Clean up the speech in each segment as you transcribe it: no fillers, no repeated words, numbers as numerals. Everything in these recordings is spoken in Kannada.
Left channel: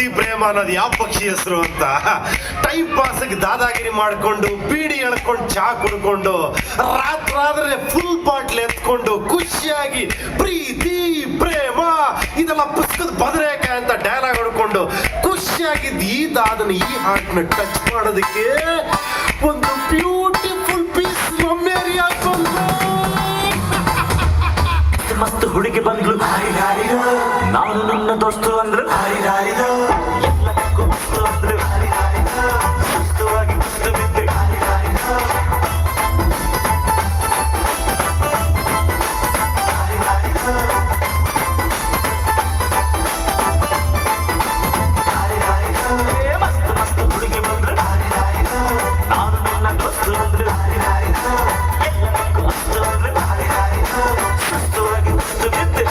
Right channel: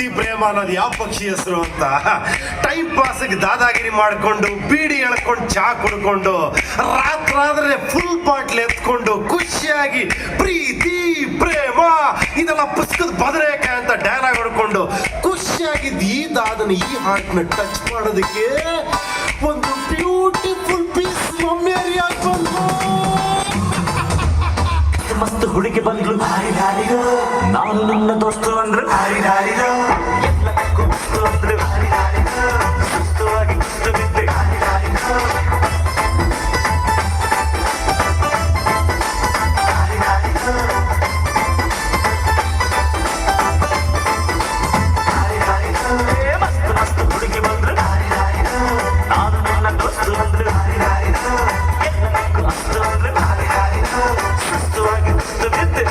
ಪ್ರೀತಿ ಪ್ರೇಮ ಅನ್ನೋದು ಯಾವ ಪಕ್ಷಿ ಹೆಸರು ಅಂತ ಟೈಮ್ ಪಾಸ್ಗೆ ದಾದಾಗಿರಿ ಮಾಡ್ಕೊಂಡು ಬೀಡಿ ಎಳ್ಕೊಂಡು ಚಾ ಕುಡ್ಕೊಂಡು ರಾತ್ರಾದ್ರೆ ಫುಲ್ ಬಾಟ್ಲ್ ಎತ್ಕೊಂಡು ಖುಷಿಯಾಗಿ ಪ್ರೀತಿ ಪ್ರೇಮ ಇದೆಲ್ಲ ಪುಸ್ತಕದ ಬದನೇಕಾಯಿ ಅಂತ ಡೈಲಾಗ್ ಹೊಡ್ಕೊಂಡು ಖುಷಿಯಾಗಿದ್ದು ಈ ದಾದನ ಈ ಹಾರ್ಟ್ನ ಟಚ್ ಮಾಡೋದಕ್ಕೆ ಒಂದು ಬ್ಯೂಟಿಫುಲ್ ಪೀಸ್ ಮಮ್ಮೇರಿ ಹಾಕೊಂಡು ಮಸ್ತ್ ಹುಡುಗಿ ಬಂದ್ಲು ನಾನು ನಿನ್ನ ದೋಸ್ತು ಅಂದ್ರೆ ಎಲ್ಲಕ್ಕೂ ಮಸ್ತು ಅಂದ್ರೆ ಸುಸ್ತವಾಗಿ ಕುಸ್ತು ಬಿದ್ದೆ. ಮಸ್ತ್ ಹುಡುಗಿ ಬಂದ್ರೆ ನಾನು ನಿನ್ನ ದೋಸ್ತು ಅಂದ್ರೆ ಎಲ್ಲಕ್ಕೂ ಮಸ್ತು ಅಂದ್ರೆ ಸುಸ್ತವಾಗಿ ಕುಸ್ತು ಬಿದ್ದೆ.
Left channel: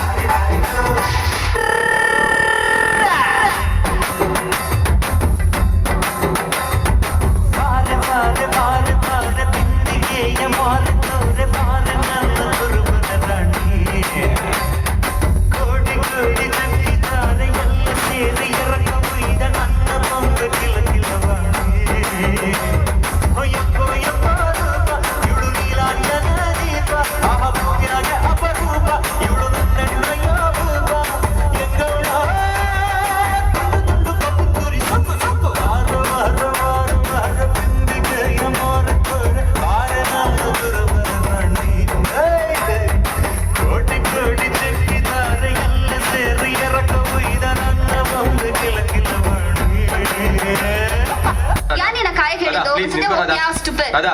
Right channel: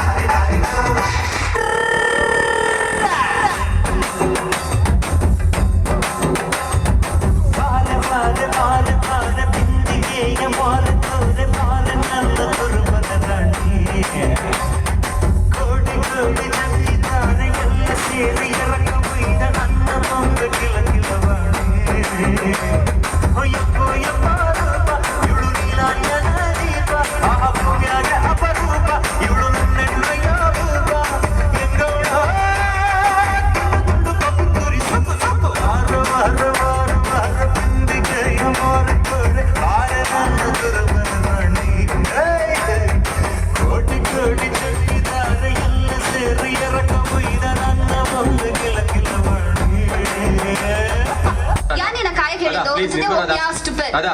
Radha,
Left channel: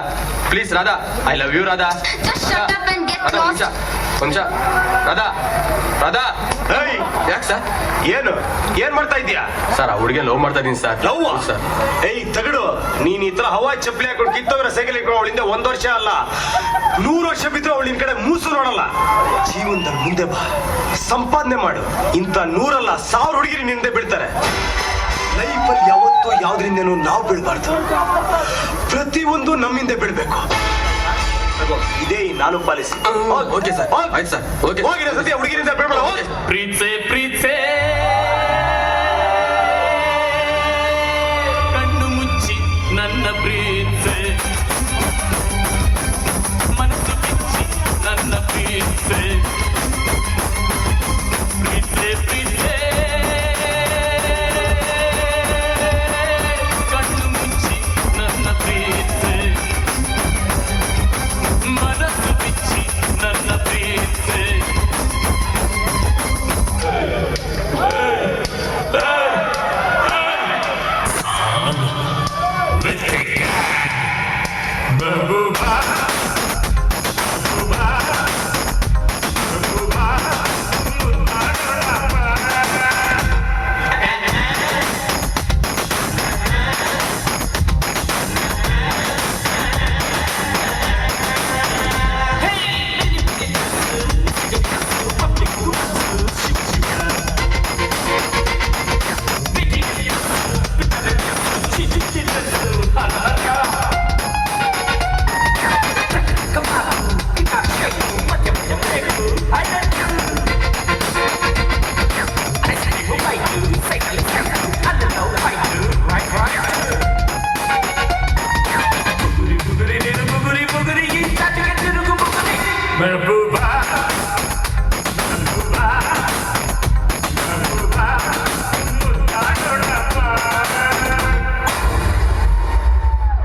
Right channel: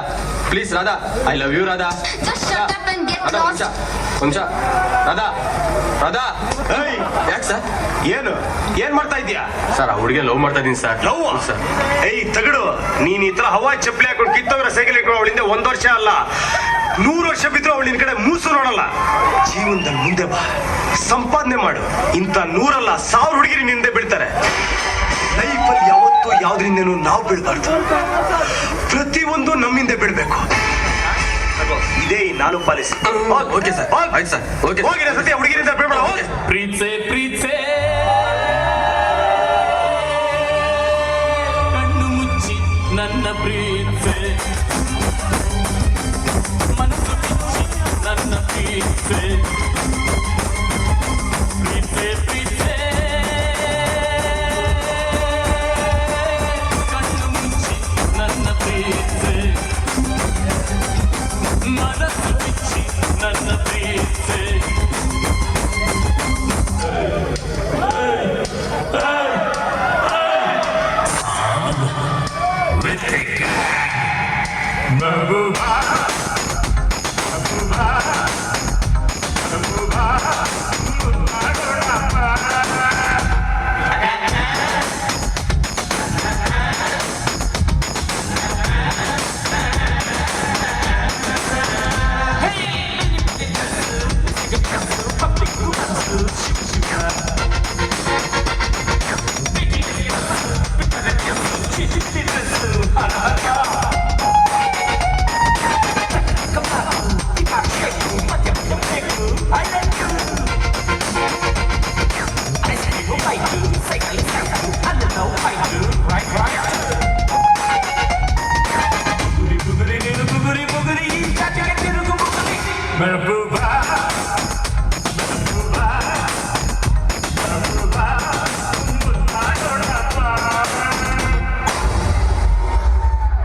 please Radha, I love you Radha. Just shut up and get lost. ವಂಶ ರಾಧಾ ರಾಧಾ ಯಾಕೆ ಸರ್ ಏನ್ ಮಾಡ್ತಾ ಇದೀಯಾ ಸರ್ ಆ ಹುಡುಗಿ ಲವ್ ಮಾಡ್ತಾ ಇದೀನಿ ಸರ್. ಲವ್ ಸರ್ ಏಯ್ ತಗಡು ನೀನ್ ಈ ತರ ಹವಾ ಚಪ್ಪಲಿ ಹಾಕೊಂಡು ಕಿತ್ತವರ ಸೈಕಲ್ ಹಾಕೊಂಡು ಅವಳಿಂದ 1 ವರ್ಷ ಅಲ್ಲ 100 ವರ್ಷ ಬಿದ್ರೆ ಅವಳು ನಿನ್ ಕಡೆ ಮೂಸು ನೋಡಲ್ಲ. ಜೀವನದಲ್ಲಿ ಮುಂದೆ ಬಾ, ಸಂಪಾದನೆ ಮಾಡು. ಇಂಥ 100 ಅಲ್ಲ 1000 ಹುಡುಗಿರಿ ನಿಂದೆ ಬೀಳ್ತಾರೆ. ಲೈಫಲ್ಲಿ ಯಾವತ್ತೂ ಯಾವ್ದ್ರಿಂದನೂ ನಾವು ಬೀಳ್ಬಾರ್ದು, ಪ್ರತಿಯೊಂದು ನಮ್ಮಿಂದ ಬಿಡ್ಬೇಕು. ಇದೇ ನಾನು ಪಾಲಿಸಿ. ಓಕೆ ಸರ್ ಆಯ್ತು ಸರ್ ಓಕೆ ಹೋಗಿರ ಸತ್ಯ ಹುಡುಗಿರಿಂದ ಬಿಡ್ಬೇಡ. ಪ್ರೀತ್ಸೆ ಪ್ರೀತ್ಸೆ ಕಣ್ಣು ಮುಚ್ಚಿ ನನ್ನ ಪ್ರೀತಿ